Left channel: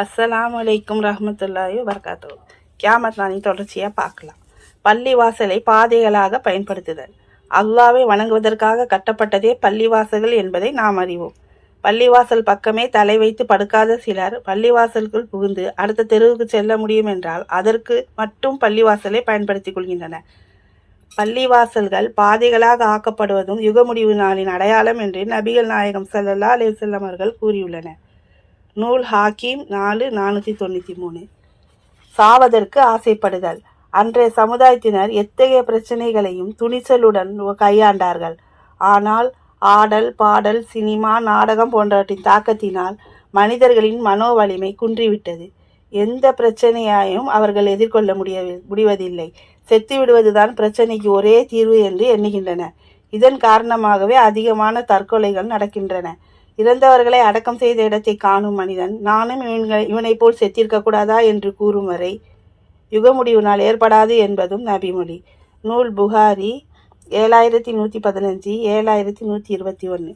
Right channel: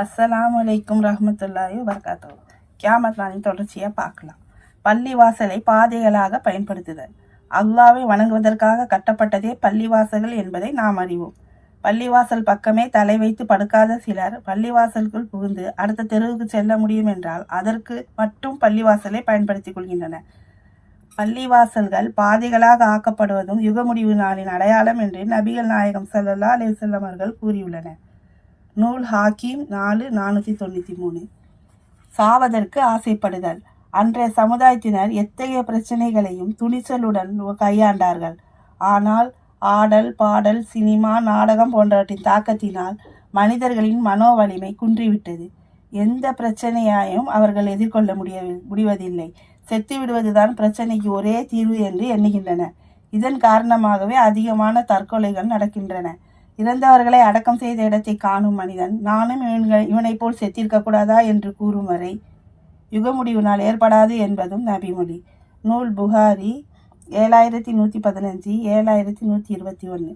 அஸ்ஸலாமு அலைக்கும் ரஹ்மத்துல்லாஹி வபரகாத்துஹு. கியாமத் நாளின் தொடர்ச்சியாக பார்க்கலாம். பள்ளிவாசலை பாதைகளாக பயன்படுத்துதல். அல்லாஹ்வை வணங்குவதற்காக கட்டப்பட்டதே பள்ளிவாசல்கள் என்பதை நாம் அறிவோம். பள்ளிவாசல் பக்கமே தலை வைத்து படுக்காத சிலர் பள்ளிவாசலுக்குள் புகுந்து அடுத்த தெருவுக்கு செல்ல முடியும் என்றால் அதற்கு மட்டும் பள்ளிவாசலை பயன்படுத்திக் கொள்கின்றனர். பள்ளிவாசல்கள் பாதைகளாக ஆக்கப்படுவதும் யுக முடிவு நாளின் அடையாளம் என்று நபிகள் நாயகம் ஸல்லல்லாஹு அலைஹி வஸல்லம் அவர்கள் கூறியுள்ளனர். நூல் ஹாக்கீம் 4,493. சாவதற்கு ஆசைப்படுதல். அன்றைய சமுதாயத்தினர் எத்தகைய பிரச்சனைகளையும் துணிச்சலுடன் கையாண்டார்கள். ஆனால் ஆடல், பாடல், சினிமா, நாடகம் போன்றவற்றின் தாக்கத்தினால் மனிதர்களின் மனோவலிமை குன்றிவிட்டது. எந்த பிரச்சனையையும் அவர்கள் எதிர்கொள்ள முடிவதில்லை. செத்து விடுவதுதான் பிரச்சனைக்கு ஒரே தீர்வு என்று எண்ணுகின்றனர். இதன் காரணமாகவே அதிகமான தற்கொலைகள் நடக்கின்றன. இறந்தவர்களை அடக்கம் செய்த இடத்தை காணும் மனிதன் நானும் இவனை போல் செத்திருக்க கூடாதா என்று கூறும் வரை யுக முடிவு நாள் ஏற்படாது என்பதும் நபிமொழி. நூல் புகாரி 7115, 7121.